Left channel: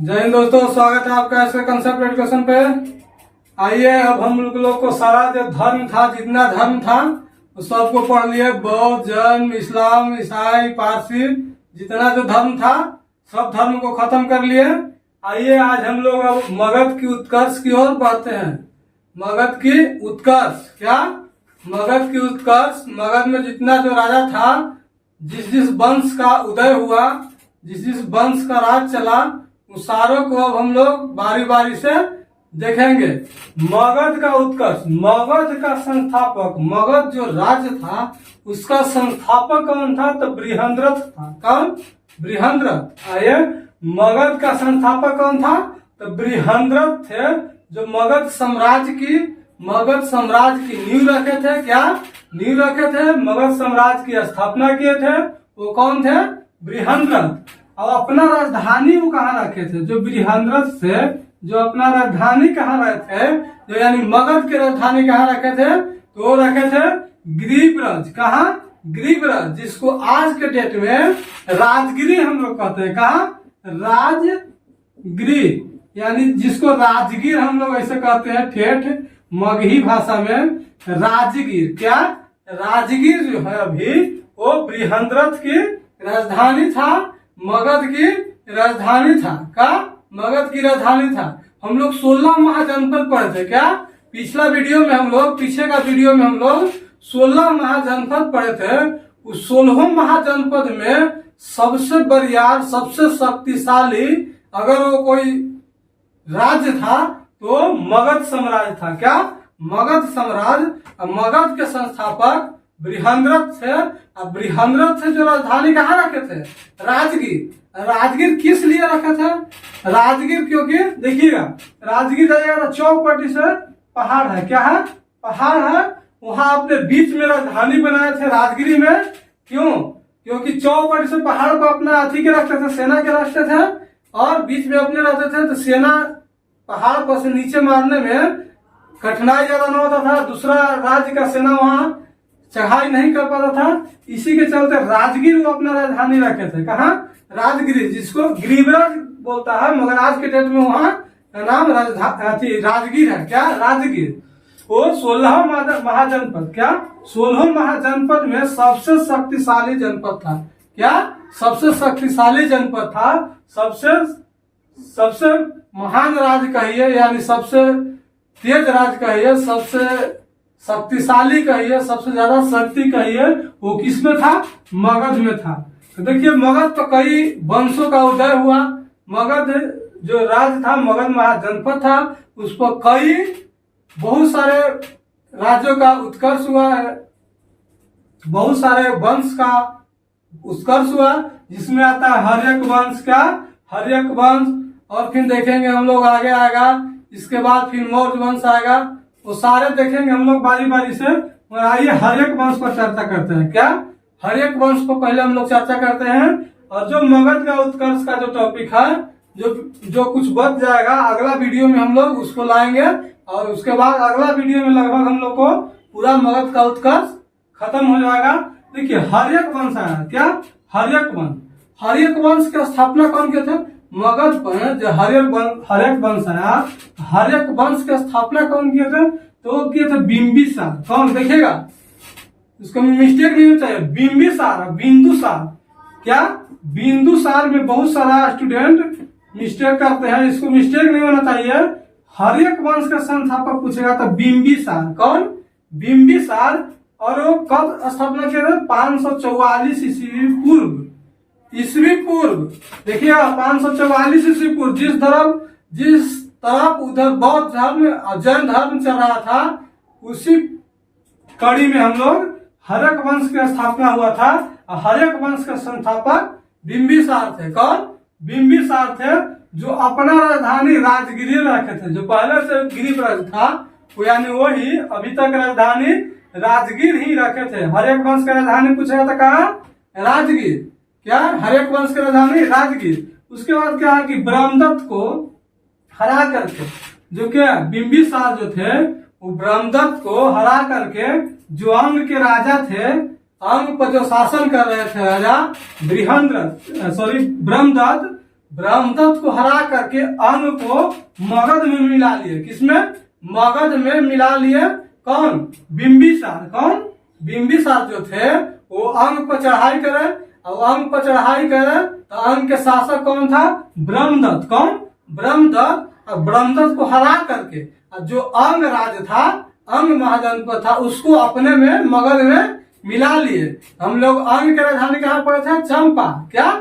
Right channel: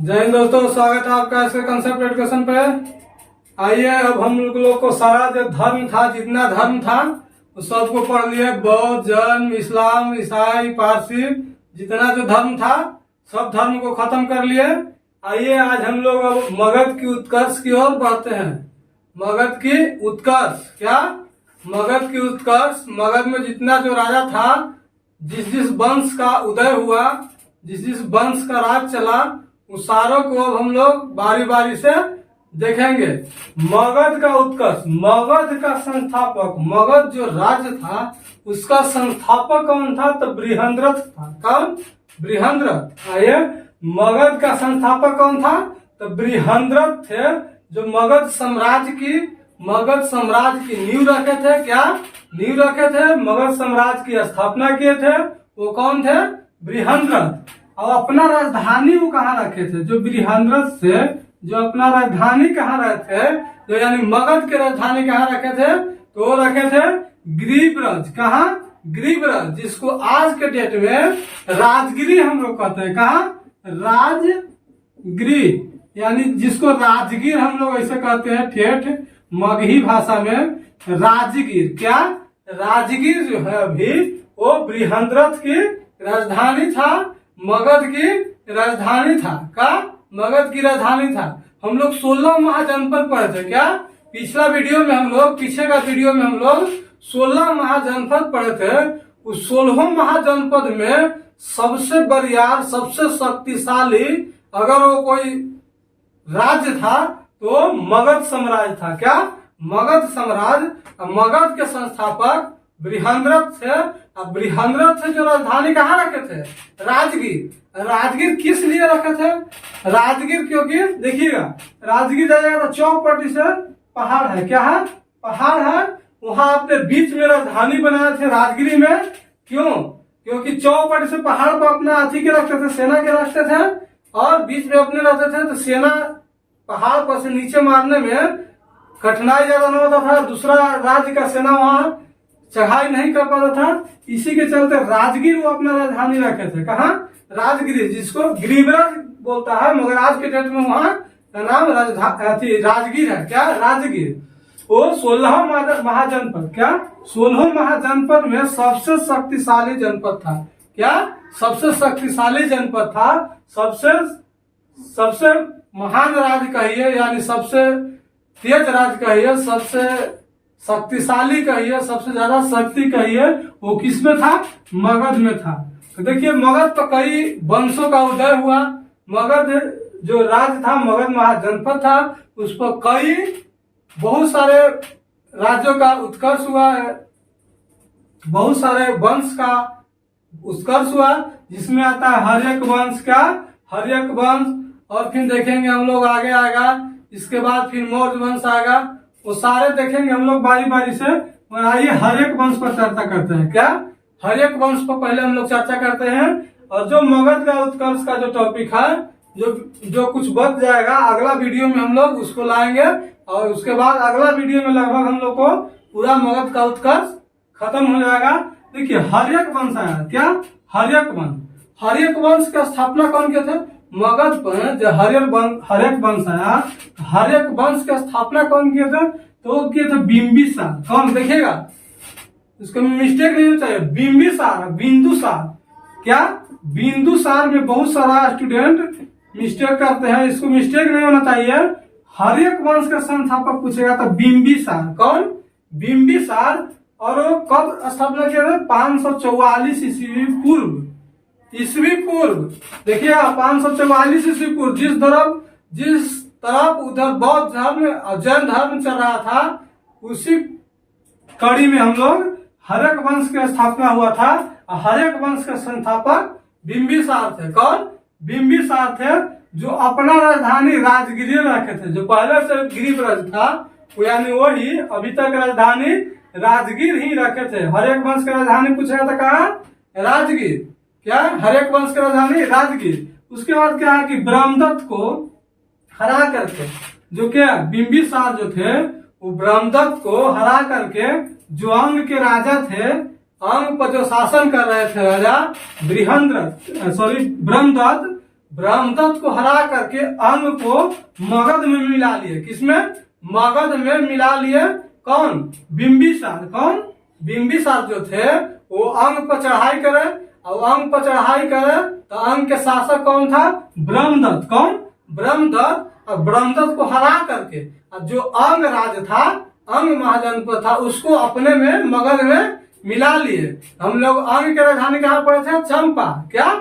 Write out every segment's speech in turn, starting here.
जय हिंद दोस्तों, स्वागत है आपका इसके कंसेप्ट एजुकेशन पे। आइए अब हम लोग को सारा जो धर्म था, जितना धर्म था उस सबको पढ़ लिए। बौद्ध, जैन, इस्लाम, ईसाई, पारसी, जितना जो धर्म था सब धर्म को खत्म कर लिए। आइए आज हम लोग अब मगध की उत्कर्ष की ओर बढ़ते हैं। मगध की उत्कर्ष क्या? मगध की उत्कर्ष। मगध में जितना जो राजा था, जिस वंश का उदय हुआ, जिस वंश का राज चला, उस सारों को अब हम लोग बारी बारी से देखेंगे। मगध का उत्कर्ष, मगध का संस्थापक, मगध जो राज्य था उसका संस्थापक कौन था? तो बृहद्रथ था। कौन? बृहद्रथ। आइए, मगध का संस्थापक कौन था? तो बृहद्रथ थे, जो मगध साम्राज्य की नींव रखे थे। क्या नींव रखे थे? मगध साम्राज्य की स्थापना किए थे। वो कौन थे? बृहद्रथ। और अपना राजधानी वो कहाँ रखे थे? जो बृहद्रथ से जो अपना राजधानी कहाँ रहे थे, जो यानी मगध की राजधानी कहाँ रखे थे? तो वो रखे थे गिरिब्रज। कहाँ? गिरिब्रज, जिसको आज के डेट में राजगिरी हम लोग कहते हैं। कहाँ? राजगिरी, यानी जिसको राजगीर हम लोग ऐसे कहते हैं ठेठ मगही भाषा में। राजगीर क्या? राजगीर जो है अभी वो बृहद्रथ की राजधानी था, मगध की राजधानी था। का? मगध की राजधानी था। हम लोग 16 महाजनपद पढ़े थे। क्या? पिछला वीडियो में हम लोग, पीछे का वीडियो में हम लोग 16 महाजनपद पढ़े थे। उस 16 महाजनपद में सबसे बरियार, सबसे शक्तिशाली अगर वो कोई राज्य था तो मगध साम्राज्य था। क्या? मगध साम्राज्य। मगध के संस्थापक बृहद्रथ थे। अब बृहद्रथ से जो राजधानी कहाँ रखे थे? राजगीर। राजगीर किस लिए रखे थे? राजगीर क्योंकि देखिएगा, राजगीर जाइएगा तो चौपटी से पहाड़ है। क्या है? पहाड़ है। वहां अपने बीच में राजधानी बनाए थे राजगिरी में। क्यों? क्योंकि चौपटी से पहाड़ को अपना अथी के रखते थे, सेना के रखते थे, और बीच में अपने रहते थे। तो सेना पहाड़ पर से नीचे मारने में कठिनाई ज्यादा न होता था। दूसरा राज्य का सेना वहां चढ़ाई नहीं कर पाता था। इसी के चलते राजगीर वो अपना राजधानी रखे थे। कहाँ? राजगिरी, जिसको गिरिब्रज बोलता है, मगर आज के डेट में वहां का नाम राजगीर है। क्या? राजगीर। वो 16 महाजनपद, क्या 16 महाजनपद में सबसे शक्तिशाली जनपद था। क्या? सबसे शक्तिशाली जनपद था। सबसे महान राज्य कहिए, यानी सबसे तेज राज्य कहिए, सबसे शक्तिशाली कहिए, सबसे ज्यादा शक्ति कहिए, वो किसमें था? मगध में था। तो देखिए, मगध तो कई वंशों का उदय हुआ। मगध जो राज्य था, मगध महाजनपद था, उस पर कई बहुत सारे राज्यों का उत्कर्ष हुआ है, बहुत सारे वंश का उत्कर्ष हुआ, जिसमें आता है हर्यक वंश। का? हर्यक वंश। और फिर देखेंगे हम लोग आगे आएगा, इसके बाद फिर मौर्य वंश आएगा। वो सारे देखेंगे हम लोग बारी बारी से। आइए हर्यक वंश पर चर्चा करते हैं। क्या? हर्यक वंश पर पहले हम लोग चर्चा करते हैं। और जो मगध का उत्कर्ष का जो टॉपिक है, जो कुछ बच जाएगा, अगला वीडियो में हम लोग उसको लाएंगे। और उसके बाद अगला वीडियो में लगभग हम लोग को पूरा मगध का उत्कर्ष खत्म हो जाएगा। देखिए, हर्यक वंश आया। क्या? हर्यक वंश। हर्यक वंश का स्थापना कौन किए थे? मगध पर जो हर्यक वंश आया, हर्यक वंश की स्थापना कौन किए थे? तो वो किए थे बिंबिसार। कौन? देखिएगा, इसको मिस्टेक नहीं होना चाहिए। बिंबिसार, बिंदुसार। क्या? बिंदुसार में बहुत सारा स्टूडेंट मिस्टेक करते हैं, इसको मिस्टेक नहीं होना चाहिए। हर्यक वंश का संस्थापक पूछेगा तो बिंबिसार। कौन? बिंबिसार। और वो कब स्थापना किया था? 544 ईस्वी पूर्व। देखिए, 544 ईस्वी पूर्व। जिस तरफ उधर बौद्ध धर्म और जैन धर्म चल रहा था, उसी कड़ी में हम लोग हर्यक वंश की स्थापना हुआ था। हर्यक वंश के संस्थापक बिंबिसार थे। कौन? बिंबिसार थे, जो अपना राजधानी राजगिरी रखे थे। जो पहले से गिरिब्रज था, वो यानी वही अभी तक राजधानी राजगीर ही रखे थे। हर्यक वंश की राजधानी पूछा था कहाँ? राजगीर। क्या? हर्यक वंश की राजधानी राजगीर। उसके बाद क्या है कि ब्रह्मदत्त को हरा करके, जो क्या बिंबिसार जो थे, वो ब्रह्मदत्त को हरा करके, जो अंग के राजा थे, अंग पर जो शासन कर रहे थे राजा ब्रह्मदत्त, ब्रह्मदत्त को हरा करके अंग को मगध में मिला लिए। किसमें? मगध में मिला लिए। कौन? बिंबिसार। कौन? बिंबिसार जो थे वो अंग पर चढ़ाई करे, और अंग पर चढ़ाई करे तो अंग के शासक कौन था? ब्रह्मदत्त। कौन? ब्रह्मदत्त। और ब्रह्मदत्त को हरा करके जो अंग राज था, अंग महाजनपद था, उसको अपने में मगध में मिला लिए। हम लोग अंग के राजधानी कहाँ पढ़े थे? चंपा। क्या?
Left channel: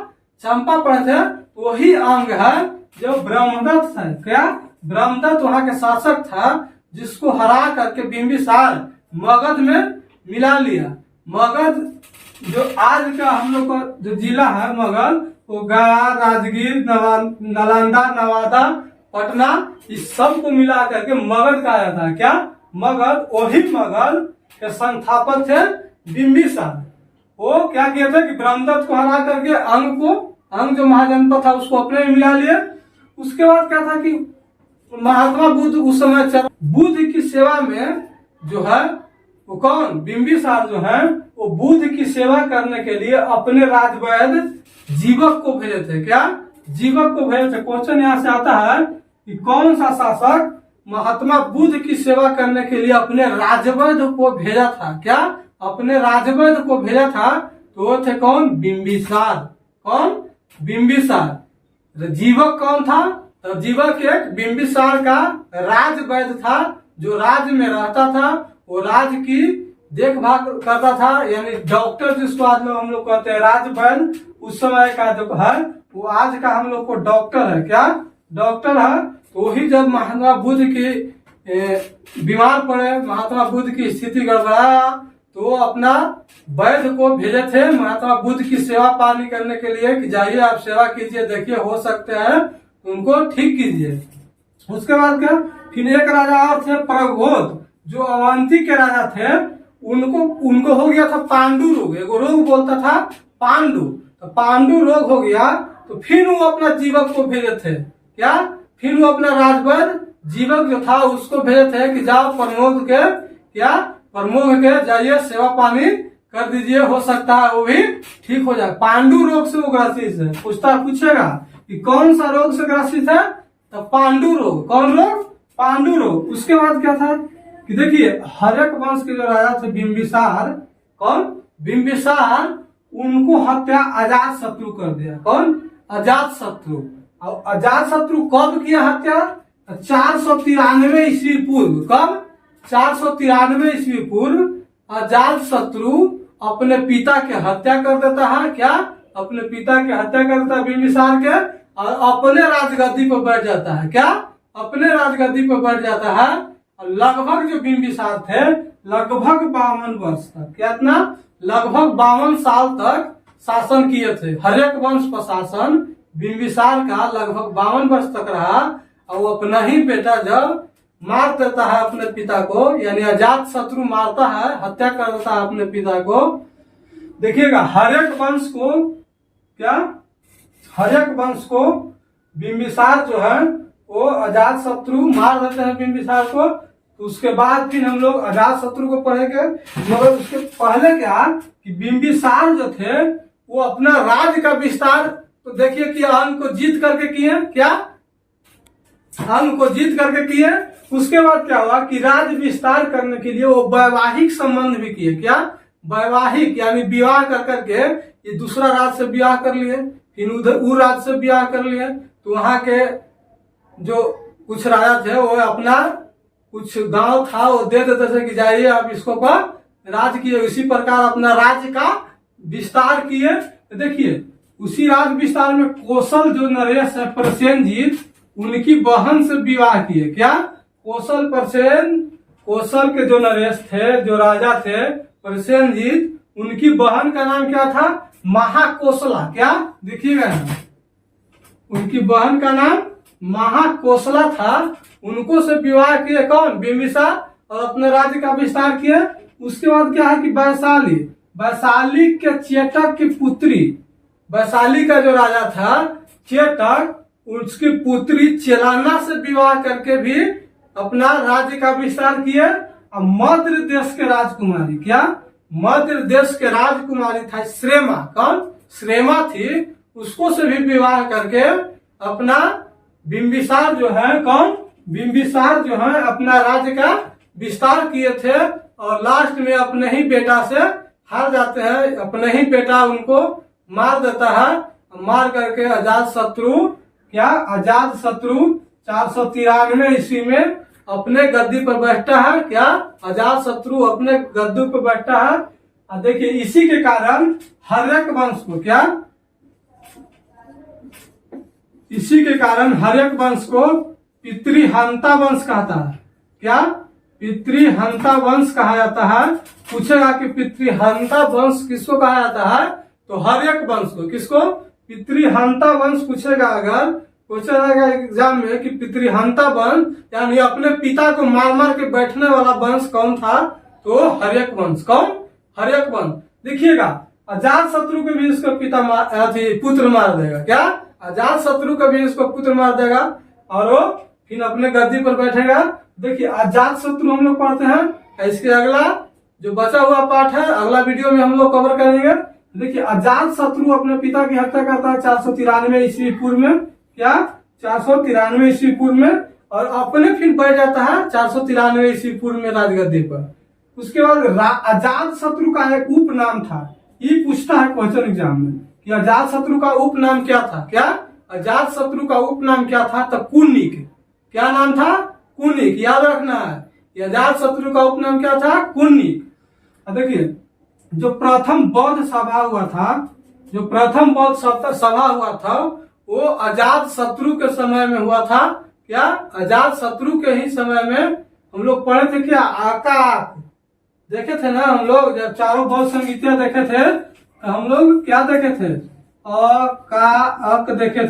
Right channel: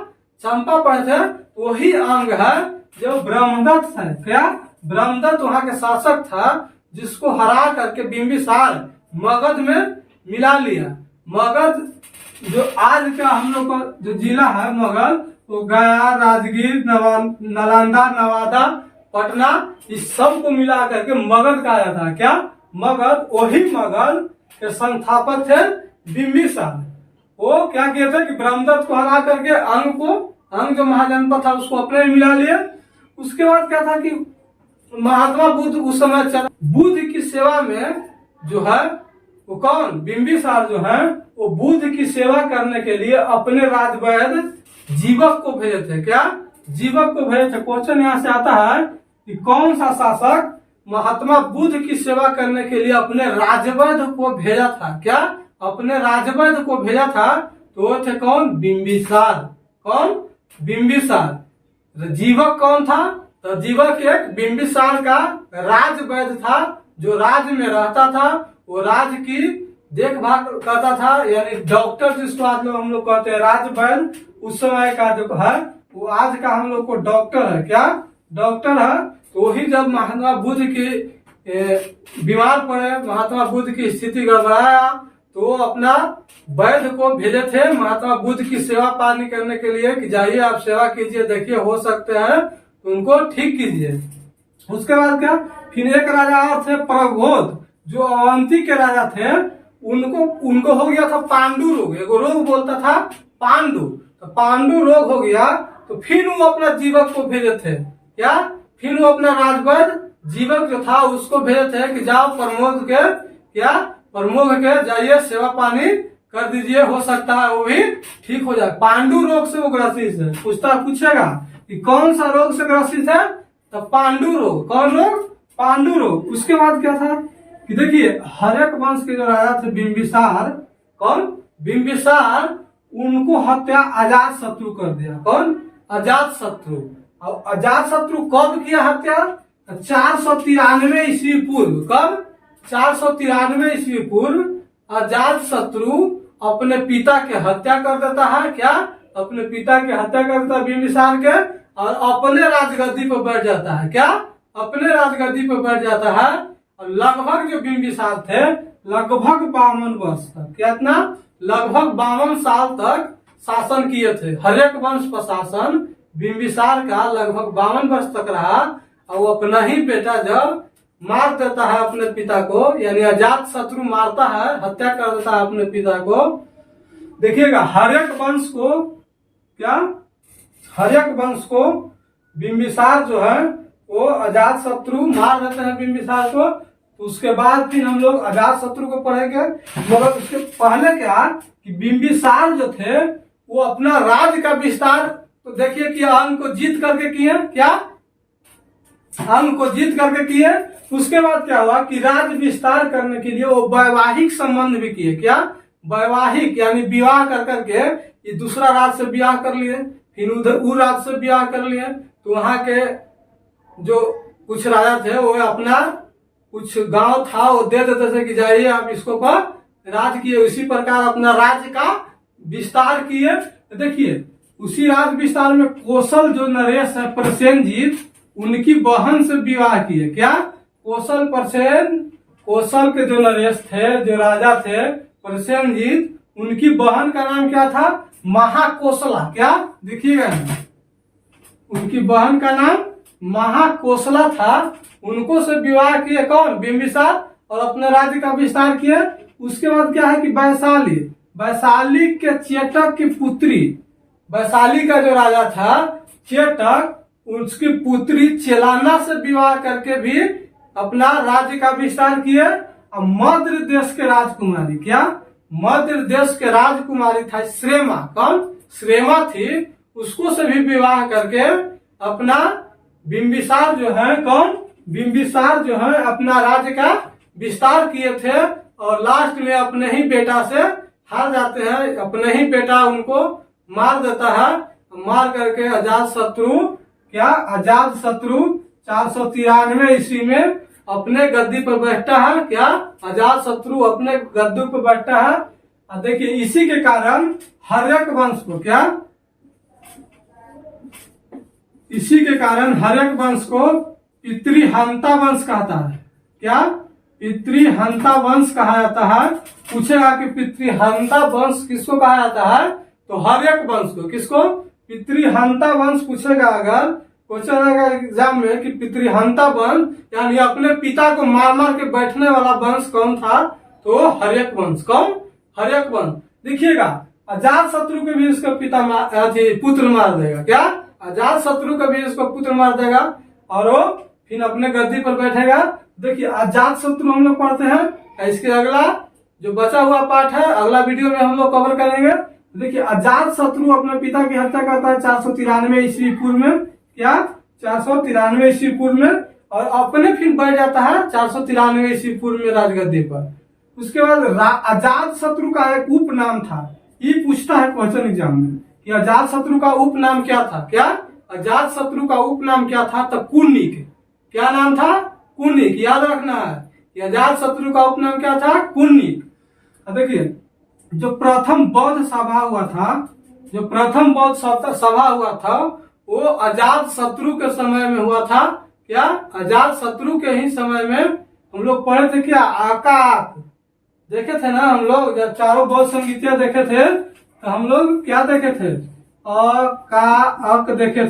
चंपा पढ़े थे। वही अंग है जो ब्रह्मदत्त है। क्या? ब्रह्मदत्त वहां के शासक था, जिसको हरा करके बिंबिसार मगध में मिला लिया। मगध जो आज का हम लोग का जो जिला है मगध, वो गया, राजगीर, नालंदा, नवादा, पटना, इस सब को मिला करके मगध कहा जाता है। क्या? मगध। वही मगध के संस्थापक थे बिंबिसार। वो क्या किए थे कि ब्रह्मदत्त को हरा करके अंग जो महाजनपद था उसको अपने में मिला लिए। उसके बाद क्या था कि महात्मा बुद्ध उस समय बुद्ध की सेवा में जो है वो कौन? बिंबिसार जो है वो बुद्ध की सेवा करने के लिए अपने राजवैद्य जीवक को भेजे थे। क्या? जीवक को भेजे थे। क्वेश्चन यहाँ से आता है कि कौन सा शासक महात्मा बुद्ध की सेवा करने के लिए अपने राजवैद्य को भेजा था? क्या? अपने राजवैद्य को भेजा था। तो वो थे कौन? बिंबिसार। कौन? बिंबिसार। जीवक कौन था? तो जीवक एक बिंबिसार का राजवैद्य था, जो राज्य में रहता था, वो राज्य की देखभाल करता था, यानी डॉक्टर जिसको आज लोग हम लोग कहते हैं राजवैद्य। उस समय का जो है वो आज का हम लोग को डॉक्टर है। क्या? डॉक्टर है। तो वही जब महात्मा बुद्ध की बीमार पड़े, महात्मा बुद्ध की स्थिति गड़बड़ाया, तो वो अपना वैद्य को भेजे थे महात्मा बुद्ध की सेवा पानी करने के लिए कि जाइए आप सेवा कीजिए, देखिए हो सकते हैं तो उनको ठीक कीजिए। उसके बाद क्या? फिर एक राजा और थे प्रबोध, जो अवंती के राजा थे। उनको हो गया था पांडु रोग। एगो रोग बोलता था पांडु। तो पांडु रोग हो गया, तो फिर वो अपना जीवक को भेजे थे। क्या? फिर वो अपना राजवैद्य जीवक जो था उसको भेजे थे कि जाओ प्रमोद के जाइए सेवा पानी कर दीजिए, हो सकता है वो भी ठीक हो जाए। पांडु रोग से वो ग्रसित है। पूछेगा कि कौन सा रोग से ग्रसित है? तो पांडु रोग। कौन रोग? पांडु रोग। उसके बाद क्या था कि देखिए हर्यक वंश के जो राजा थे बिंबिसार, कौन? बिंबिसार, उनको हत्या अजात शत्रु कर दिया। कौन? अजात शत्रु। और अजात शत्रु कब किया हत्या? 493 ईस्वी पूर्व। कब? 493 ईस्वी पूर्व अजात शत्रु अपने पिता के हत्या कर देता है। क्या? अपने पिता के हत्या कर देता है बिंबिसार के, और अपने राजगद्दी पर बैठ जाता है। क्या? अपने राजगद्दी पर बैठ जाता है। और लगभग जो बिंबिसार थे लगभग 52 वर्ष तक, कितना? लगभग 52 साल तक शासन किए थे। हर्यक वंश पर शासन बिंबिसार का लगभग 52 वर्ष तक रहा। और वो अपना ही बेटा जब मार देता है अपने पिता को, यानी अजात शत्रु मारता है, हत्या कर देता है अपने पिता को। देखिएगा हर्यक वंश को क्या? हर्यक वंश को बिंबिसार जो है वो अजात शत्रु मार देते हैं बिंबिसार को। तो उसके बाद फिर हम लोग अजात शत्रु को पढ़ेंगे। मगर उसके पहले क्या कि बिंबिसार जो थे वो अपना राज्य का विस्तार, तो देखिए कि अंग को जीत करके किए। क्या? अंग को जीत करके किए। उसके बाद क्या हुआ कि राज्य विस्तार करने के लिए वो वैवाहिक संबंध भी किए। क्या? वैवाहिक, यानी विवाह कर करके ये दूसरा राज्य से विवाह कर लिए, फिर उधर वो राज्य से विवाह कर लिए। तो वहां के जो कुछ राजा थे वो अपना कुछ गांव था वो दे देते थे कि जाइए आप इसको पर राज किए। इसी प्रकार अपना राज्य का विस्तार किए। देखिए उसी राज्य विस्तार में कौशल जो नरेश है प्रसेनजीत, उनकी बहन से विवाह किए। क्या? कौशल के जो नरेश थे, जो राजा थे प्रसेनजीत, उनकी बहन का नाम क्या था? महाकोशला। क्या? देखिएगा उनकी बहन का नाम महाकोशला था। उनको से विवाह किए कौन? बिंबिसार, और अपने राज्य का विस्तार किए। उसके बाद क्या है कि वैशाली के चेटक की पुत्री, वैशाली का जो राजा था चेटक, उसकी पुत्री चेलाना से विवाह करके भी अपना राज्य का विस्तार किए। और मध्य देश के राजकुमारी, क्या? मध्य देश के राजकुमारी था श्रेमा। कौन? श्रेमा थी। उसको से भी विवाह करके अपना बिंबिसार जो है, कौन, बिंबिसार जो है अपना राज्य का विस्तार किए थे और लास्ट में अपने ही बेटा से हार जाते हैं। अपने ही बेटा उनको मार देता है। मार करके अजात शत्रु, क्या, अजात शत्रु 493 ईस्वी में अपने गद्दी पर बैठता है। क्या, अजात शत्रु अपने गद्दी पर बैठता है। देखिए इसी के कारण हर्यक वंश को, क्या, इसी के कारण हर्यक वंश को पितृहंता वंश कहता है। क्या, पितृहंता वंश कहा जाता है। पूछेगा कि पितृहंता वंश किसको कहा जाता है, तो हर्यक वंश को। किसको, पितृहंता वंश पूछेगा अगर, पूछा जाएगा एग्जाम में कि पितृहंता वंश यानी अपने पिता को मार मार के बैठने वाला वंश कौन था, तो हर्यक वंश। कौन, हर्यक वंश। देखिएगा अजात शत्रु के भी इसको पिता पुत्र मार देगा। क्या, अजात शत्रु का भी इसको पुत्र मार देगा और वो फिर अपने गद्दी पर बैठेगा। देखिए अजात शत्रु हम लोग पढ़ते हैं। इसके अगला जो बचा हुआ पाठ है अगला वीडियो में हम लोग कवर करेंगे। देखिए अजात शत्रु अपने पिता की हत्या करता है 493 ईस्वी पूर्व में। क्या, 493 ईस्वी पूर्व में, और अपने फिर बैठ जाता है 493 ईस्वी पूर्व में राजगद्दी पर। उसके बाद अजात शत्रु का एक उपनाम था। ये पूछता है क्वेश्चन एग्जाम में कि अजात शत्रु का उपनाम क्या था। क्या, अजात शत्रु का उपनाम क्या था, तो कुनिक। क्या नाम था, कुनिक। याद रखना है अजात शत्रु का उपनाम क्या था, कुनिक। देखिए जो प्रथम बौद्ध सभा हुआ था, जो प्रथम बौद्ध सभा हुआ था वो अजात शत्रु के समय में हुआ था। क्या, अजात शत्रु के ही समय में हम लोग पढ़े थे। क्या, आकाक देखे थे ना हम लोग, जब चारों बौद्ध संगीतियां देखे थे तो हम लोग क्या देखे थे, अ का अक देखे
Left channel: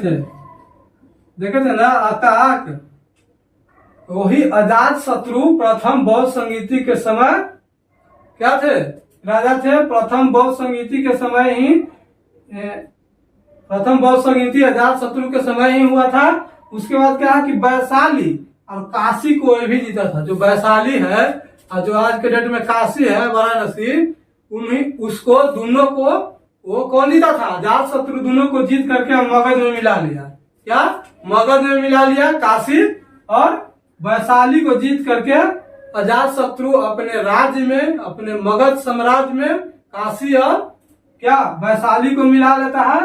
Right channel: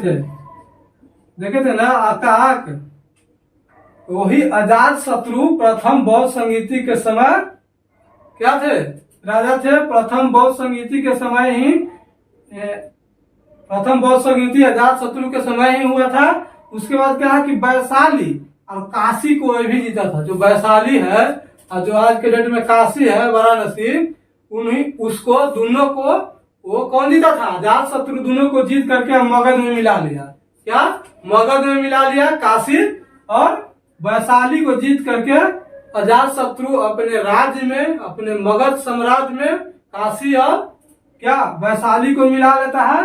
थे ना, अकाक। वही अजात शत्रु प्रथम बौद्ध संगीति के समय क्या थे, राजा थे। प्रथम बौद्ध संगीति के समय ही, प्रथम बौद्ध संगीति अजात शत्रु के समय ही हुआ था। उसके बाद क्या है कि वैशाली और काशी को भी जीता था। जो वैशाली है और जो आज के डेट में काशी है, वाराणसी, उन्हीं उसको दोनों को वो कौन जीता था, अजात शत्रु। दोनों को जीत करके मगध में मिला लिया। क्या, मगध में मिला लिया। काशी और वैशाली को जीत करके अजात शत्रु अपने राज्य में, अपने मगध साम्राज्य में काशी और क्या वैशाली को मिला लेता है।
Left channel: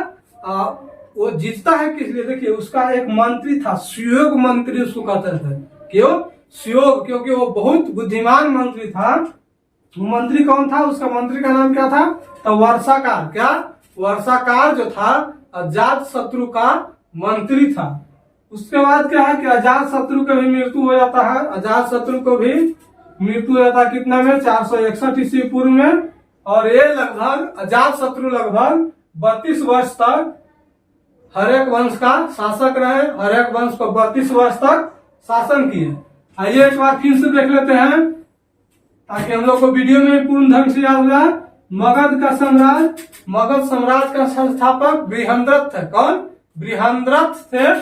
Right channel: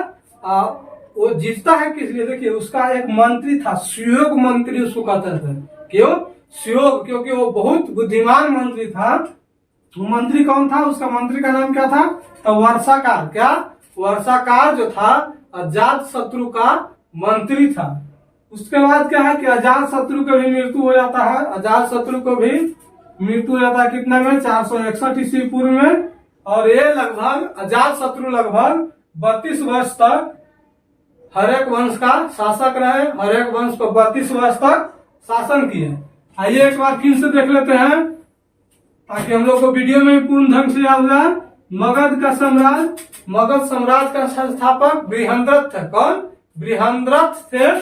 वो जीतता है किस लिए, देखिए उसका एक मंत्री था, सुयोग मंत्री उसको कहते थे। क्यों सुयोग, क्योंकि वो बहुत बुद्धिमान मंत्री था। वो मंत्री कौन था, उसका मंत्री का नाम क्या था, तो वर्षाकार। क्या, वर्षाकार जो था अजात शत्रु का मंत्री था। उसके बाद क्या है कि अजात शत्रु का भी मृत्यु हो जाता है। अजात शत्रु को भी मृत्यु हो जाता है कितना में, 461 ईस्वी पूर्व में। और ये लगभग अजात शत्रु लगभग 32 वर्ष तक हर्यक वंश का शासक रहे। हर्यक वंश को 32 वर्ष तक शासन किए। आइए एक बार फिर से देख लेते हैं ताकि हम लोग को वीडियो में पूर्ण ढंग से याद रहा। मगध का साम्राज्य, मगध साम्राज्य का संस्थापक बृहद्रथ थे। कौन, बृहद्रथ थे।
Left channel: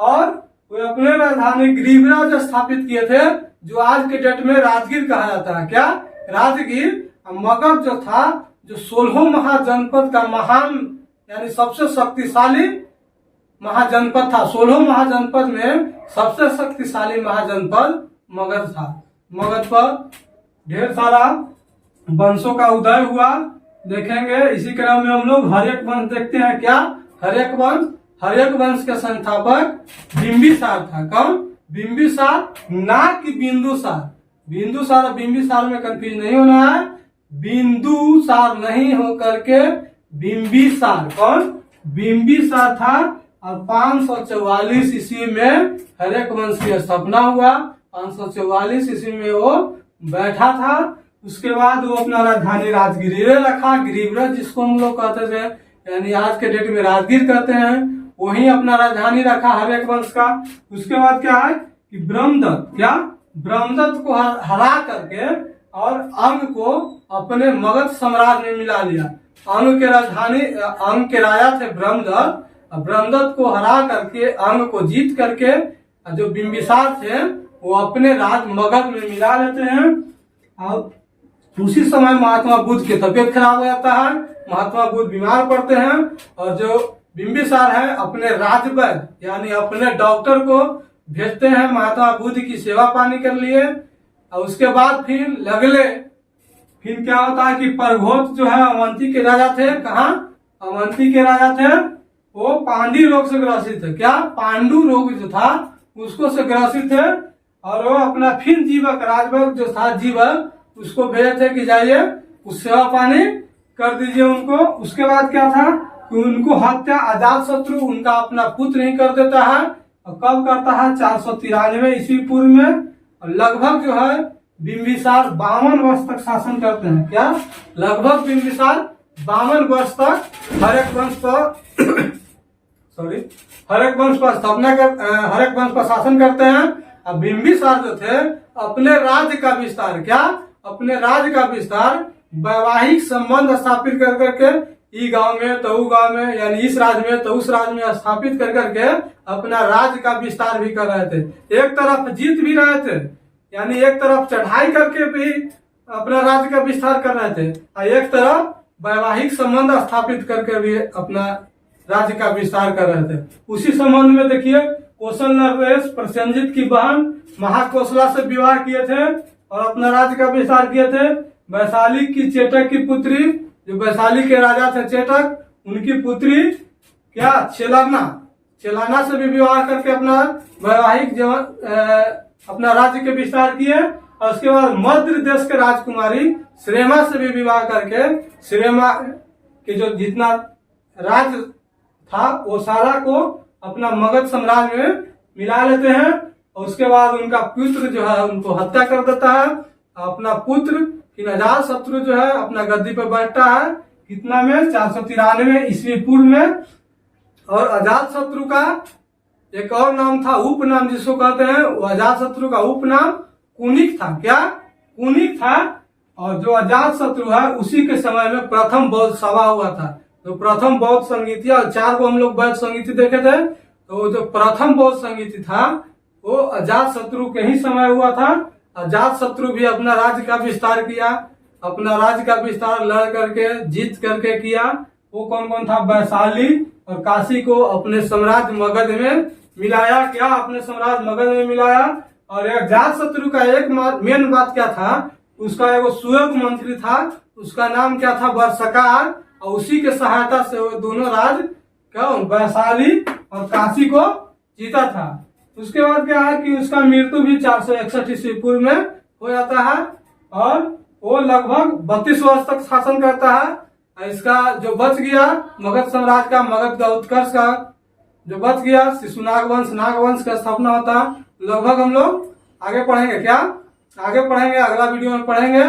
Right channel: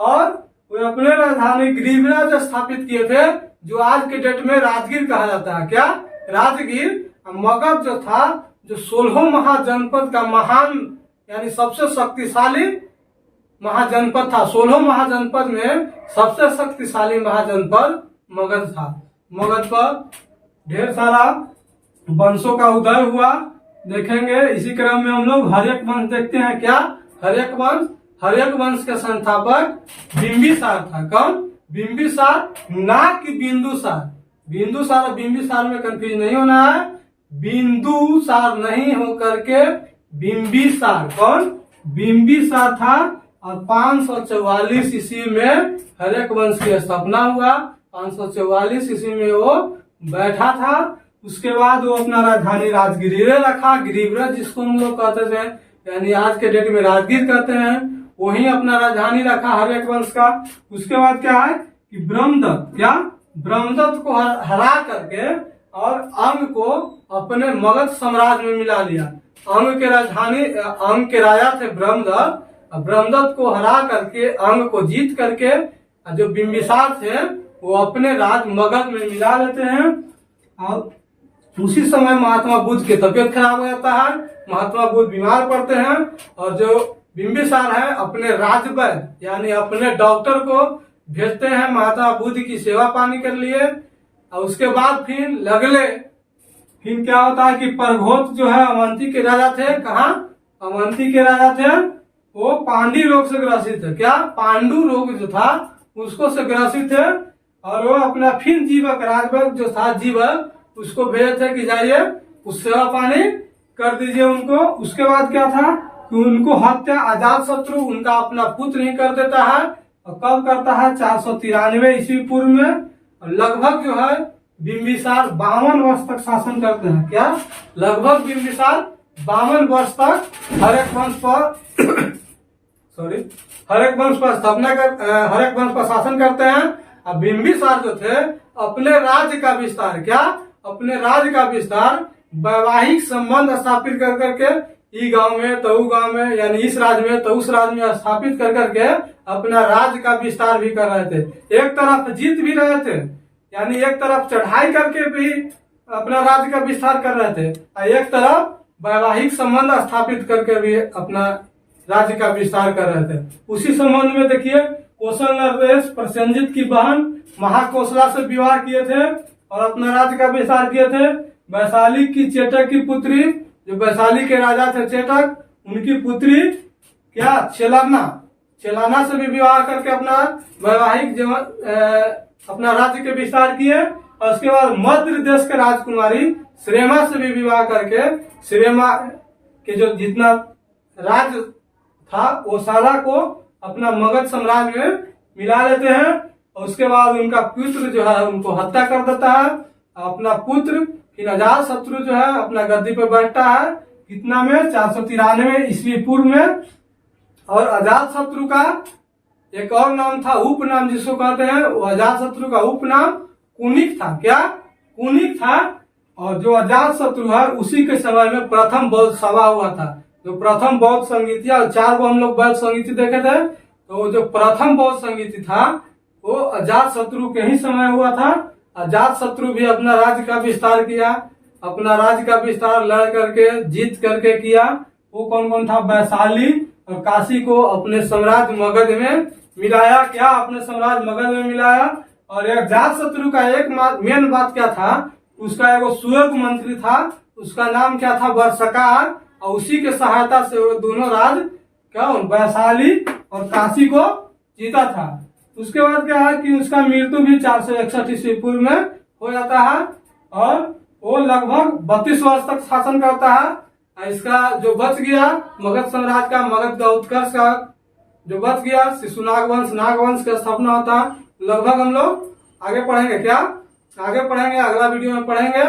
और वे अपने राजधानी गिरिब्राज स्थापित किए थे, जो आज के डेट में राजगीर कहा जाता है। क्या, राजगीर। मगध जो था, जो 16 महाजनपद का महान यानी सबसे शक्तिशाली महाजनपद था। 16 महाजनपद में सबसे शक्तिशाली महाजनपद मगध था। मगध पर ढेर सारा वंशों का उदय हुआ, देखेंगे। इसी क्रम में हम लोग हर्यक वंश देखते हैं। क्या, हर्यक वंश। हर्यक वंश के संस्थापक बिंबिसार था। कौन, बिंबिसार, ना कि बिंदुसार। बिंदुसार और बिंबिसार में कंफ्यूज नहीं होना है। बिंदुसार नहीं हो करके बिंबिसार। कौन, बिंबिसार था। और 544 ईस्वी में हर्यक वंश की स्थापना हुआ। 544 ईस्वी में वो बैठा था। उसके बाद वो अपना राजधानी राजगीर रखा। गिरिब्रज जिसको हम लोग कहते थे, यानी आज के डेट में राजगीर कहते हैं, वही अपना राजधानी रखा हर्यक वंश का। उसके बाद क्या है कि ब्रह्मदत्त, क्या, ब्रह्मदत्त को हरा करके और अंग को अपने मगध साम्राज्य में मिला लिया। अंग के राजधानी, अंग के राजा थे ब्रह्मदत्त। ब्रह्मदत्त को हरा करके, अंग को जीत करके जो बिंबिसार थे वो अपने राज मगध में मिला लेते हैं। और उसी समय महात्मा बुद्ध की तबीयत खराब हो जाता है। महात्मा बुद्ध बीमार पड़ते हैं और जो बिंबिसार है अपने राजवैद्य यानी अपने डॉक्टर को भेजते हैं महात्मा बुद्ध की सेवा पानी के लिए। और उसके बाद फिर क्या होता है कि परघोत जो है अवंती के राजा थे। कहाँ? अवंती के राजा थे। वो पांडी रोग से ग्रसित थे। क्या? पांडु रोग जो था उसको से ग्रसित थे। और वो अपना फिर जीवक राजभर जो था जीवक उसको भेजे थे कि जाइए उस सेवा पानी कर दीजिए उनको। उसके बाद क्या था कि उनको हत्या अजात शत्रु उनका अपना पुत्र ही कर देता है। और कब करता है? 493 ईस्वी पूर्व में। और लगभग जो है बिंबिसार 52 वर्ष तक शासन करते हैं। क्या? लगभग बिंबिसार 52 वर्ष तक हरेक वंश पर स्थापना कर हरेक वंश पर शासन करते हैं। अब बिंबिसार जो थे अपने राज्य का विस्तार क्या? अपने राज्य का विस्तार वैवाहिक संबंध स्थापित कर करके ई गांव में तो गांव में यानी इस राज्य में तो उस राज्य में स्थापित कर करके अपना राज्य का विस्तार भी कर रहे थे। एक तरफ जीत भी रहे थे यानी एक तरफ चढ़ाई करके भी अपना राज्य का विस्तार कर रहे थे और एक तरफ वैवाहिक संबंध स्थापित करके भी अपना राज्य का विस्तार कर रहे थे। उसी संबंध में देखिए कौशल नरेश प्रसेनजित की बहन महाकौशला से विवाह किए थे और अपना राज्य का विस्तार किए थे। वैशाली की चेटक की पुत्री जो वैशाली के राजा थे चेटक उनकी पुत्री क्या? चेलाना से भी विवाह करके अपना वैवाहिक अपना राज्य के विस्तार किए। और उसके बाद मध्य देश के राजकुमारी श्रेमा से भी विवाह करके श्रेमा के जो जितना राज्य था वो सारा को अपना मगध साम्राज्य में मिला लेते हैं। और उसके बाद उनका पुत्र जो है उनको हत्या कर देता है। अपना पुत्र फिर अजात शत्रु जो है अपना गद्दी पे बैठता है। कितना में? 493 ईस्वी पूर्व में। और अजात शत्रु का एक और नाम था उपनाम जिसको कहते हैं वो अजात शत्रु का उपनाम कुनिक था। क्या? कुनिक था। और जो अजात शत्रु है उसी के समय में प्रथम बौद्ध सभा हुआ था। जो प्रथम बौद्ध संगीति और 4 को हम लोग बौद्ध संगीति देखे थे तो जो प्रथम बौद्ध संगीति था वो अजात शत्रु के ही समय हुआ था। अजात शत्रु भी अपना राज्य का विस्तार किया। अपना राज्य का विस्तार लड़ करके जीत करके किया। वो कौन कौन था? वैशाली और काशी को अपने साम्राज्य मगध में मिलाया। क्या? अपने साम्राज्य मगध में मिलाया। और अजात शत्रु का एक मेन बात क्या था? उसका एक सुयोग मंत्री था उसका नाम क्या था? वर्षकार। और उसी के सहायता से वो दोनों राज्य क्या वैशाली और काशी को जीता था। उसके बाद क्या है कि उसका मृत्यु भी 461 ईस्वी पूर्व में हो जाता है। और वो लगभग 32 वर्ष तक शासन करता है। इसका जो बच गया मगध साम्राज्य का मगध का उत्कर्ष का जो बच गया शिशु नागवंश का स्थापना होता है। लगभग हम लोग आगे पढ़ेंगे। क्या? आगे पढ़ेंगे, अगला वीडियो में पढ़ेंगे।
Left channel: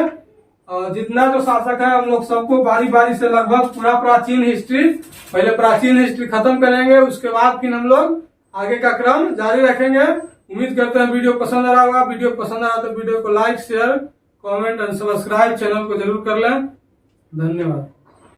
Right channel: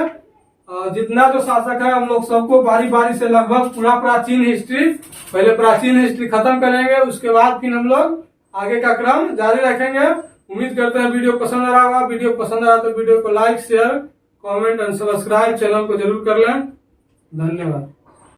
जितना जो शासक है हम लोग सबको बारी बारी से लगभग पूरा प्राचीन हिस्ट्री पहले प्राचीन हिस्ट्री खत्म करेंगे। उसके बाद फिर हम लोग आगे का क्रम जारी रखेंगे। उम्मीद करते हैं वीडियो पसंद आ रहा होगा। वीडियो पसंद आ रहा तो वीडियो को like share comment and subscribe channel को जरूर कर लें। धन्यवाद।